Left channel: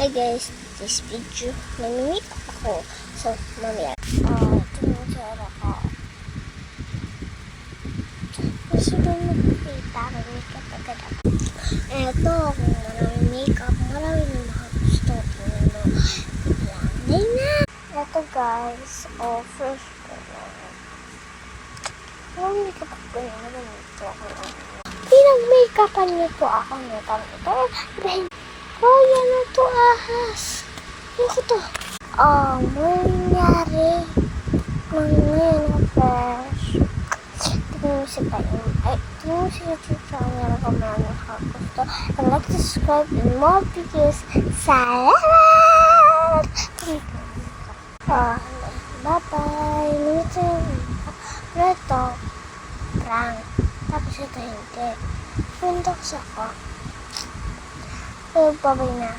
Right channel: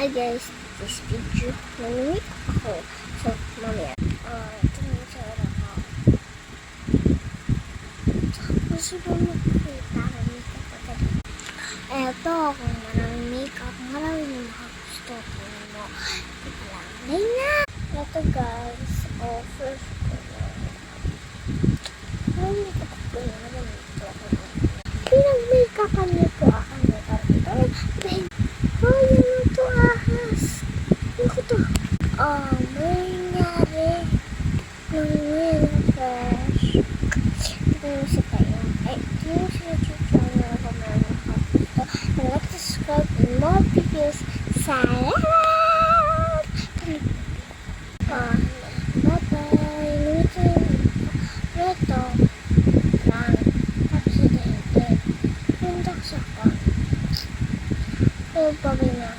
Hi guys, this video, namimik ako sa mamaya. Ito na yung tsura ko. Kasi mo makikita, namimik up agad ako. Eto, kung maraming makeup, maraming makagusto ko mo. Lang na! Eto guys, first ko lang. Maraming makeup ako yun, namimik ako na. Pinag-makeupan niyo po ako nito. Dahil yan na to, ahas. Ano ko to? May nangyari. Ngayon na fresh. Tignan mo si Tayo. Tignan mo si YouTube channel ko maraming nakagusto. And like, subscribe, and more videos. Salamat! Bye-bye. Minsan, ito, prank. Tapos ito hindi. Pundak siya ko. Bye-bye na.